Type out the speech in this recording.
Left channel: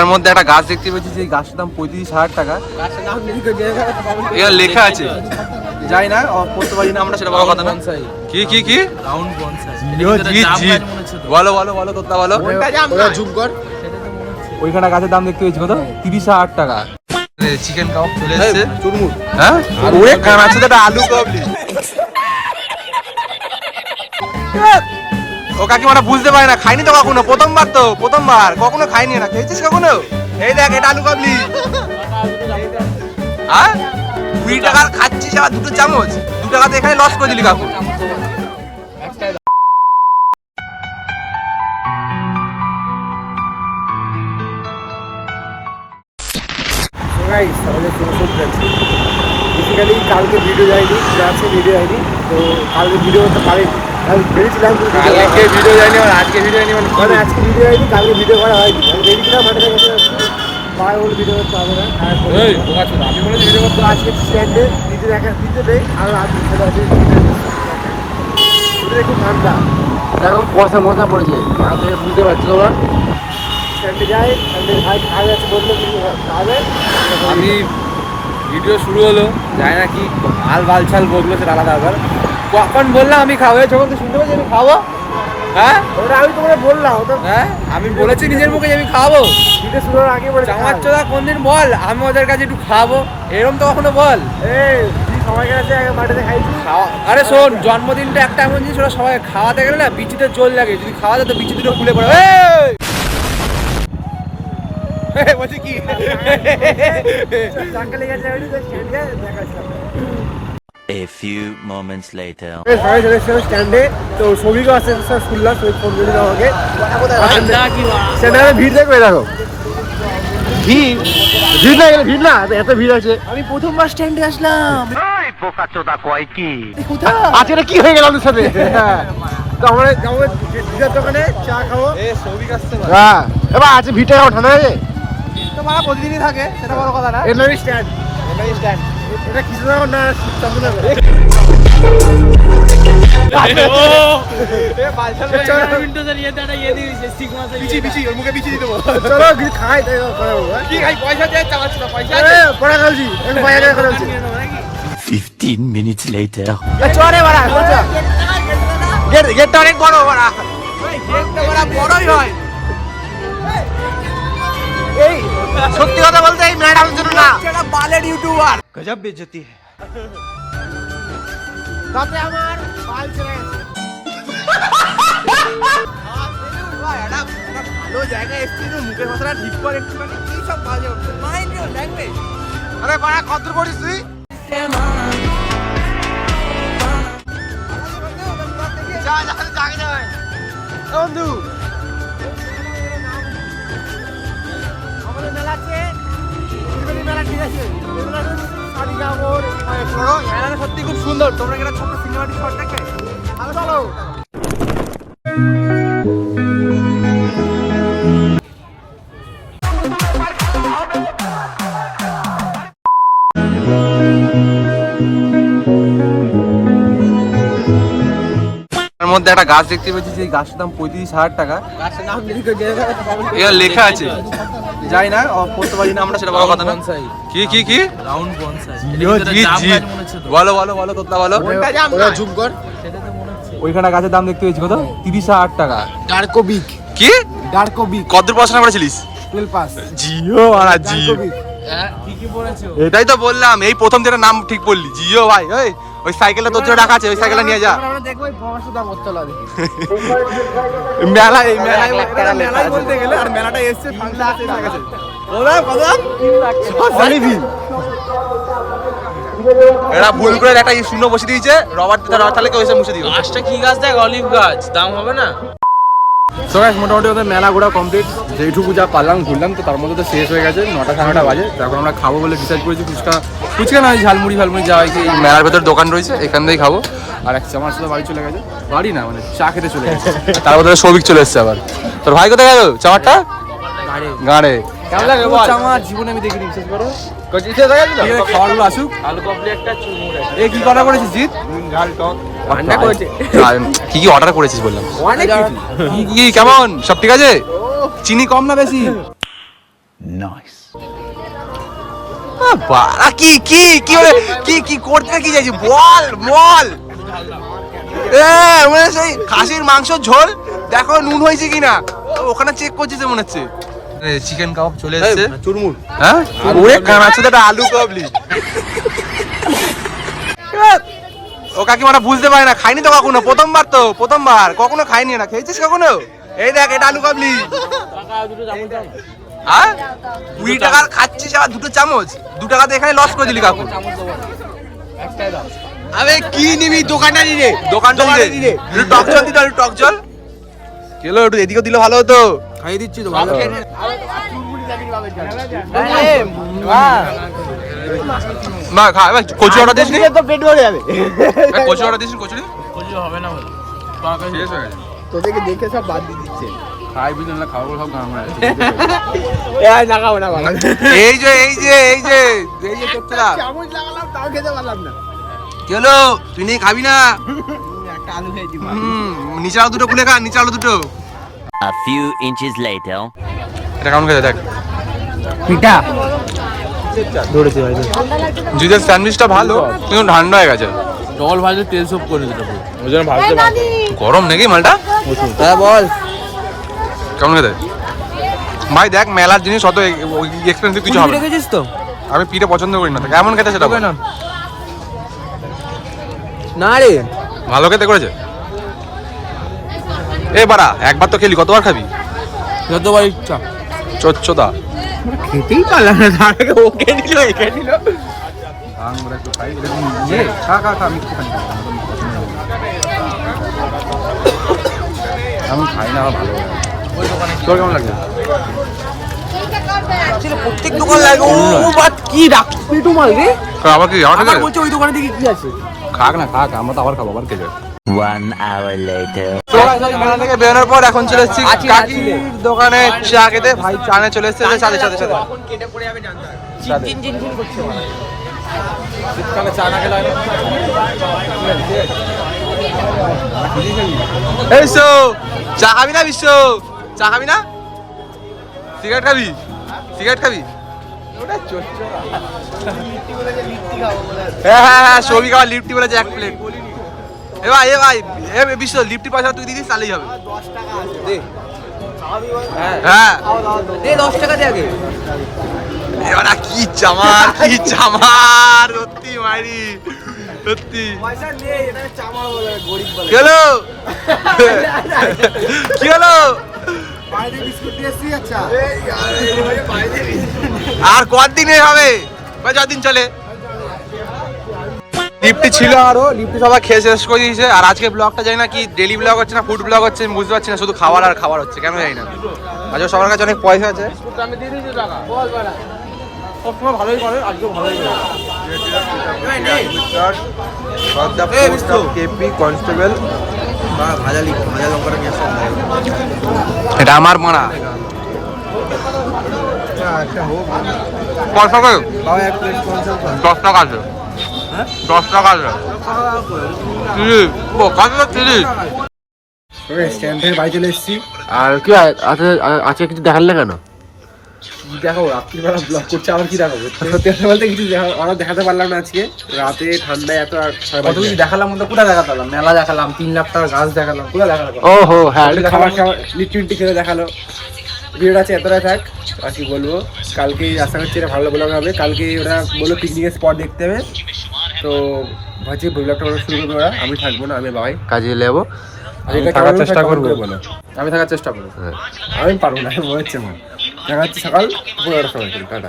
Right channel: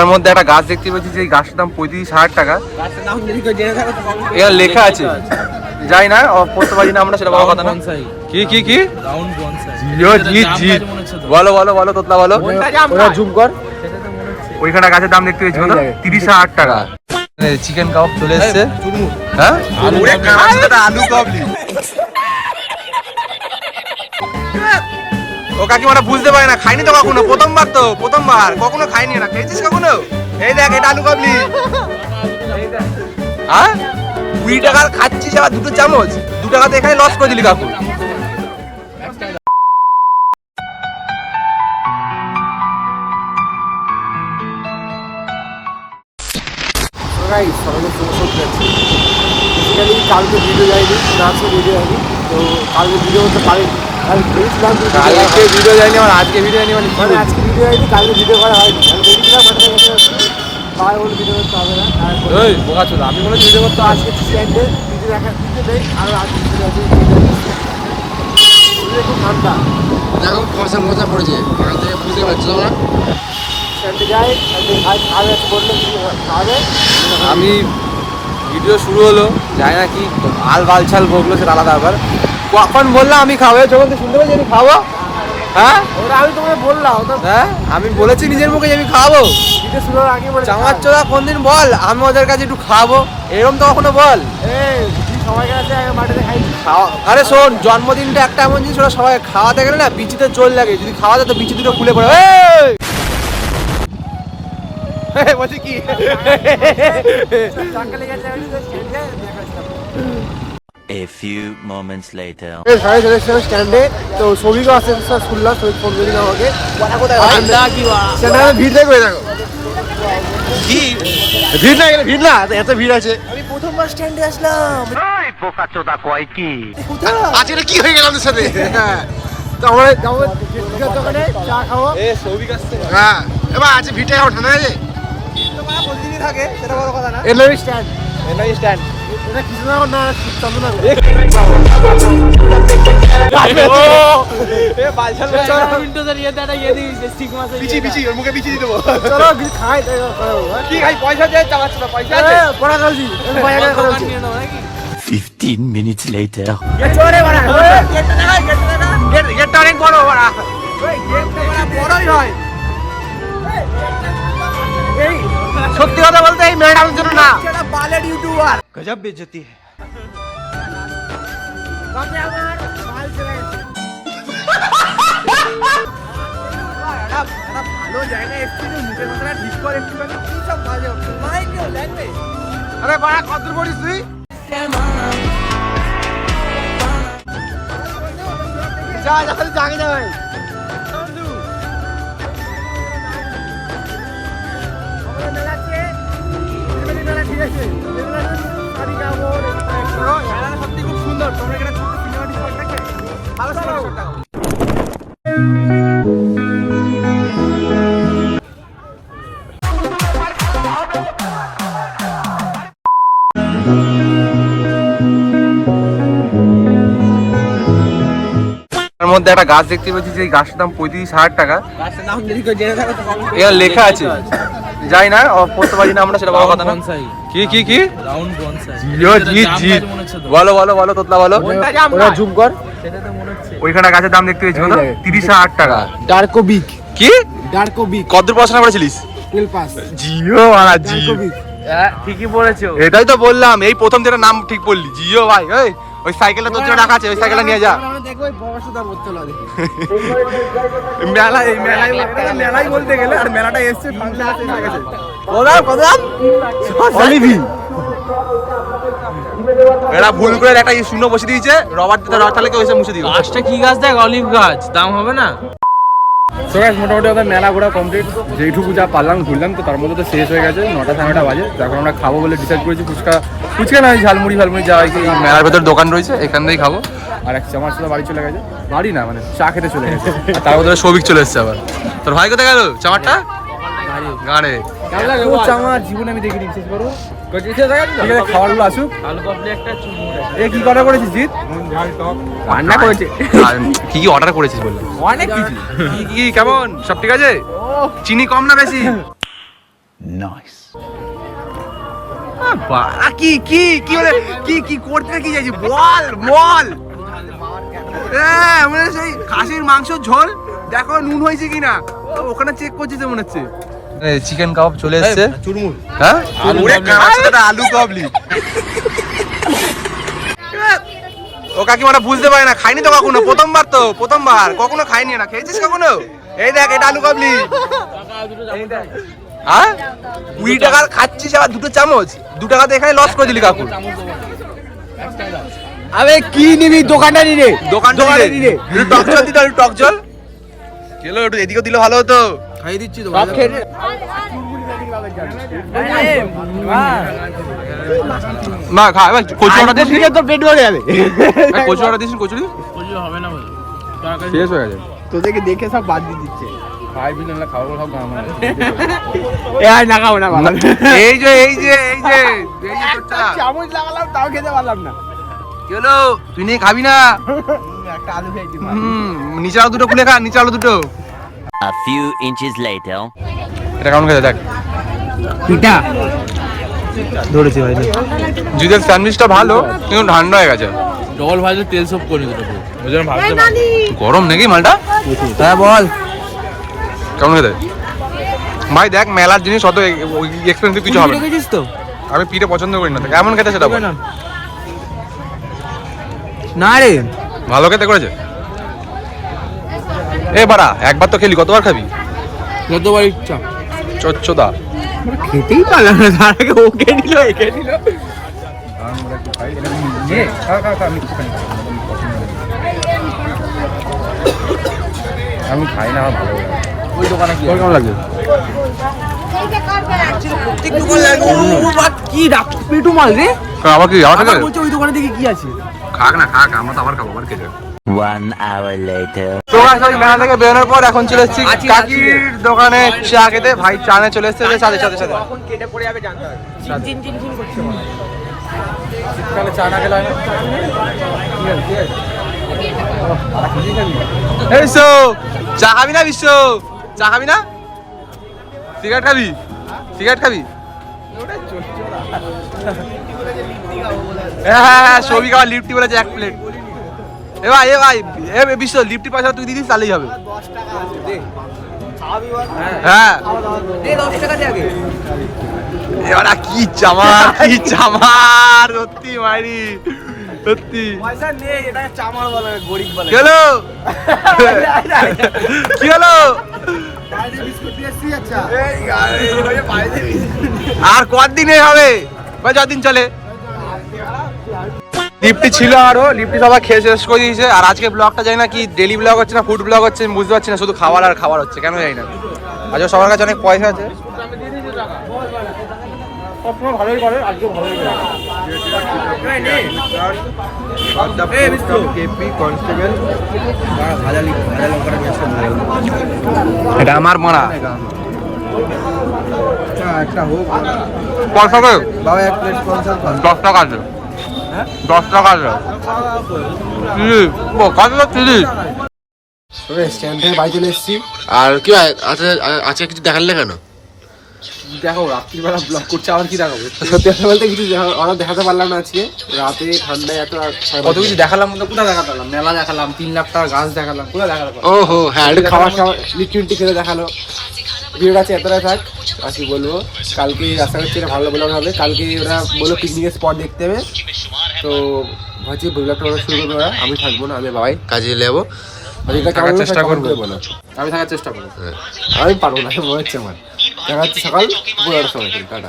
তার মধ্যে একটা গাছ দেখতে পাচ্ছি যে এই গাছটার দাম পঁয়ত্রিশ হাজার টাকা। এখানে লেখা আছে। যাই না পড়তে পারি না আমরা সেটা বড় কথা না। কি কি কি? রাউন্ড বনসাই জি জি। বলো বলো বলো তোতলা বলো ওইখানে গাছের দাম দেখতে পেয়েছি কত? তিরিশ হাজার টাকা। চিকেন কাবাব চলে এসছে। হ্যাঁ? আলু কাবলি ও কাকিমাটা বুঝতে পারে না খাইনি তো কখনো? প্রথমবার তো, প্রথমবার। কখনো খাইনি না। খেয়েছিস কখনো? এই দেখ, এটা আলু কাবলি। হ্যাঁ? কুড়ি টাকার খাচ্ছিস আবার দুটো চামচ? দু টাকাতে এখানে লস করে দিলি কাকু। কালকে ভিডিও যায়নি আজকে ভিডিও যায়নি, তো কালকে ভিডিও করতে পারিনি। আমি ভেবেছিলাম করা হবে। ভিডিও যায়নি মানে আজকে ভিডিও মানে মানে আজকে ভিডিও যায়নি কালকে ভিডিও করা হয়নি। আমি ভেবেছিলাম মাঠে গেছে বার বলে ভিডিও করতে হবে না। আর বোকা আমি বলেছি ভিডিও করতে আজকে স্ট্যান্ডে ভিডিও দেখা ভিডিও দেয় আর ভিডিও খুব ঠান্ডা। এখন মশা পড়েছে থেকে বুঝতে পারছি কিছু আমি ভিডিও শুরু হলো জানি না কি আল বালছাল বকলো সেটা আলাদা ব্যাপার। কখন বললাম আমি খাব? যখন তো শুনতে পাচ্ছি আমি খাব। হ্যাঁ? ওটা আমি তোমাকে বললাম ওটা হ্যাঁ? আমি বলেছি নিজের মুখে আমি খাব। ভিডিও শুরু আগে বলে চামার চোদা কোনদিন বল আমি ওদের কাছে একটু খাব। এরকম তো কখনো বল? এই সবাই কাছে আগে মাঠে খাইছি? আরে শোন জন্মদিনটা একটা এমন জিনিস ওরা সবাই খাওয়াতে গেলে না বিচিতে জল লাগে। যদি খাওয়াতে তো বিচি দুটো খুলে পড়ে! বলছি কি? A few moments later. সাড়ে স্ট্যান্ডে তো সবিকও আসতে স্যার শুনলাম সবিক ফোন করে দিল আমাকে। স্ট্যান্ডে ভিড় দেখবে দেখো। ভিড়? না গেলে ভিড় না এত ভিড় আছে। আমি প্রথমবার স্ট্যান্ডে আসলাম। আজকে এটা কি হয়ে গেল আমাদের সাথে? হ্যাঁ। তো আমরা যাব দিদার দোকানে চা খাব। হ্যাঁ। এবার ভিড়টা ঠান্ডা আছে? তো মারা প্রতিদিনই থাকে সেটা বড় কথা না। স্ট্যান্ড স্ট্যান্ড এটা কৃষ্ণনগর না চন্দ্রনগর চলো। কিছু খাই তাই কথা বলব হ্যাঁ? কি ভাই পয়সা দে চালাচ্ছ না পয়সা। এ, পড়া একটু বাইরে বলছি। 15 minutes later. চলে বাড়া বসা। গেট- গেটটা অনেক বড় বড় বড়ই হয়। এই সত্যি কথা বলতে এই মেয়েটা আমার জন্য না। বালের ইউটিউবার। গজব বেজতি। তাতে আমার বাল ছেড়ে গেছে। ভালো মুখের ঠিক করে একটুখানি কি সব বাজে মাইন্ড ইউর ল্যাঙ্গুয়েজ আরে বাড়া কত পড়িস তুই? যা যা জাগে যা ভাই। ঠিক আছে। এই মেলাটা শাড়ি যাব মেলাটা সত্যি খুব সুন্দর। তোমরা কি ছোট্ট সিনেমাটিক শট দেখবে চলো। তার মধ্যে একটা গাছ দেখতে পাচ্ছি যে এই গাছটার দাম পঁয়ত্রিশ হাজার টাকা। লেখা আছে। যাই না পড়তে পারি না আমরা সেটা বড় কথা না। কি কি কি? রাউন্ড বনসাই জি জি বলো বলো বলো তোতলা বলো। ওটা জুম কর। সেটা তো মনে হচ্ছে। ওইখানে গাছের দাম দেখতে পেয়েছি কত তিরিশ হাজার টাকা। ডার্কো বিগ কি? ডার্কো বিগ কত পড়াশোনা করেছিলিস? টেল পাস জিও হ্যাঁ ঠিকই বলেছ। এটাই তো বললাম এই প্রথম যেটা নাম ঠিক বললি জিও ভাই ওই ওই সাইকেলটা তোর জন্য রাখা আছে ওই সাইকেলটা নিয়ে যা। মেলায় মেলায় মেলাই বলতে গেলে আর মেলাটা এসছে ফাংশন শেষ হয়ে গেছে। কদাম কদাম এরা ভুল করে একটা শূন্য বসে দিয়েছে রবার দিতে রবার তাহলে কেউ এসে মুছে দিও গাছটা কি গাছ দেখ অলিভ গাছ দাম হবে না। তো গাইস মোটামুটি ওদের মেলা ঘোরা কমপ্লিট যেইটুকু যা পারলাম ঘুরলাম তো তার মধ্যে তো শেষ হয়ে গেছে নটা সাড়ে নটা বাজে। তো এখন আমরা খাব বলে ডিসাইড করেছি ফুচকা। ফুচকা না ঝালমুড়ি ঝালমুড়ি যা হয় কি মেলার ভেতর দোকান রয়েছে এখান থেকেই খাব। আর এক চামার সাথে বাড়ি চলে গেছে। বাড়ি না মানে চা খেতে চলে গেছে। আর তার মধ্যে সৌভিক চলে এসছে আবার। তোর ভাই কোথায় গেল? চামারটা গাড়ে। ও চামার জীবনে আমি দেখিনি বিশেষ করো। ঠিক আছে খাবারগুলো আসুক আলু পাপড়ি একটা চুমুর এ কি অর্ডার করেছিস জিৎ? কি কি অর্ডার করেছিস বললাম? কি কি কেমন? সব ঠিক আছে? চিনি কম না বেশি? বাড়া কি কি কি বলে কি কি করতে কি চাইছি বল বল। হ্যাঁ মানে সেই খাসির মাংস ঝোল। দেখো নুন হয়েছে কিনা। তো ওখানে চেক করছিস মনে হচ্ছে। চিকেন কাবাব চলে এসেছে। হ্যাঁ? তো আলু কাবলি ও কাকিমাটা বুঝতে পারে না খাইনি তো কখনো? প্রথমবার তো প্রথমবার। কখনো খাইনি না। খেয়েছিস কখনো? এই দেখ এটা আলু কাবলি হ্যাঁ? কুড়ি টাকার খাচ্ছিস আবার দুটো চামচ? দু টাকাতে এখানে লস করে দিলি কাকু আরে কি নিবি দোকানটা নিবে দোকানটা দিলে একটু টক জল দিতে একটু টক জল। কেলো একটু এদিকে দিলে ভালো হতো। খাইয়ে দিচ্ছি তো ভালো। না খা এবার কচুরি অর্ডার দিস নি? এই কচুরি অর্ডার দিস নি কচুরি? শেষ হয়ে গেছে। তোদেরকে দেখে সব বাদ দিয়ে দিচ্ছে। না এই না না যে এই যে এই যে এই যে তোরটা। লাগালাম তাও খেতে পারলাম না। কেলো তুই নেই খাবি না? একটা আলু খেয়েছি নিচে আলো দুটো খুলে খা নিচে আলো দুটো। A few inches later. এটা কেমন খেতে? দেখ। পিঠা? ধরেছি ভাই। জিদের স্যান্ডউইচটা ভালো কিন্তু ঠান্ডা হয়ে গেছে। ডবল ভাজে তেল সব করে দিতে পুরো ওই জন্য ভাবতে গরম নাকি মালটা? হ্যাঁ বল। কেমন খেতে? ভাই দেখ মেলার জিনিস অত এক্সপেন্সিভ কিছু হবে না। রেখেছিস তো? আমি পিঠে পছন্দ করি না কেমন খেতে সেটা বল। না রে। ভালো খেতে করেছে? এ বাড়া একবার তো খেলি কতবার খাবি? যতবার ইচ্ছা। চচ্চদা। খেতেই পারলাম না তার আগে দিল একে দিল একটু খাই এটা নিয়ে খা খা খা আমি আমার পছন্দ লাগে আমি খাই না আমার ভালো লাগে ওই দোকানে তোর কেমন লাগছে? কি রাখ পেটু মাল রে? কারণ আবার কি আবার আবার ওই দোকানে দেখি কি আছে? খাক না খাক আমরা তো আবার খাব আবার খেতে One hour later. তো guys, মেলা থেকে বেরোনোর পর এখন চলে এসেছি কাকির দোকানে চা খেতে ভাই চা চলে এসেছে সাথে সাথে সাথে। শীতকালে চা না খেলে হয় না খাবি না? এই বিশ্ব চা খাবি না বিশ্ব? চা খাবি না? সিগারেট খাবি? সিগারেট খাবি? হ্যাঁ হ্যাঁ হ্যাঁ সৌভিক আবার লিফটি বলেছে এক প্লেট। এ ভাই এ ভাই এ বিশ্ব লিফটি পয়সা তুই দিদিস তাহলেই হবে। হ্যাঁ। দে 10 টাকা দে কি চামার চামার সত্যি সত্যি। হলো? হলো? আর কদিনে হবে? বা যদিন চলে। লিফটি ছিল আরও লিফটি সবাই খেয়ে শেষ করে দিয়েছে। আর আজকে ব্লগটা জানি না কি ডেলি ব্লগ হচ্ছে না ফুড ব্লগ হচ্ছে আমি বুঝতে পারছি না শুধু খাবার আর খাবার হচ্ছে কেন জানি না। আজকে সবার কাছে অনেক পয়সা আছে। সবসময় ভালোই করে ভালোই করে। এটা আমার মারা। আচ্ছা একটা হোক। বাবা এক প্লেট স্পন্সর দশ টাকা আছে? দশ টাকা তিরিশ। ওকে স্ট্যান্ড থেকে বাড়ি চলে এসেছি। আর কি আজকে আজকে কিছু দেখালে কেন? দেখো রাত্রিবেলা ব্লগ করছে আবার কি দেখাবো? সত্যি কথা বলতে কিছু দেখা- ওরা দেখাতে পারলাম না আজকে। রাতে ঠান্ডায় এত আর কত কিছু দেখালাম তো কোথায় দেখাতে পারলাম মেলা দেখালাম তিন লাখ টাকার গাছ দেখালাম কোথায় দেখালাম? ওহো হ্যাঁ একটু খাবার খাবার লিট্টি মিট্টি খেলে দেখাল। ভিডিওটা আছে এতটাই থাক আর কি বলব? কালকে আশা করছি এটা ভালো ব্লগ হবে। কালকে ওরা বলল পিকনিকের স্পট দেখতে হবে। তো ভাবছি ব্লগটা ওরা শুরু করবে ওরা? আমি থাকব না আমি বাবাই। কাজে এটা থাকার চেষ্টা করব। আমি থাকার চেষ্টা করব। আমি পারব না মনে হচ্ছে আমার। দেখা যাচ্ছে সকাল পনেরোটার সময় টাটা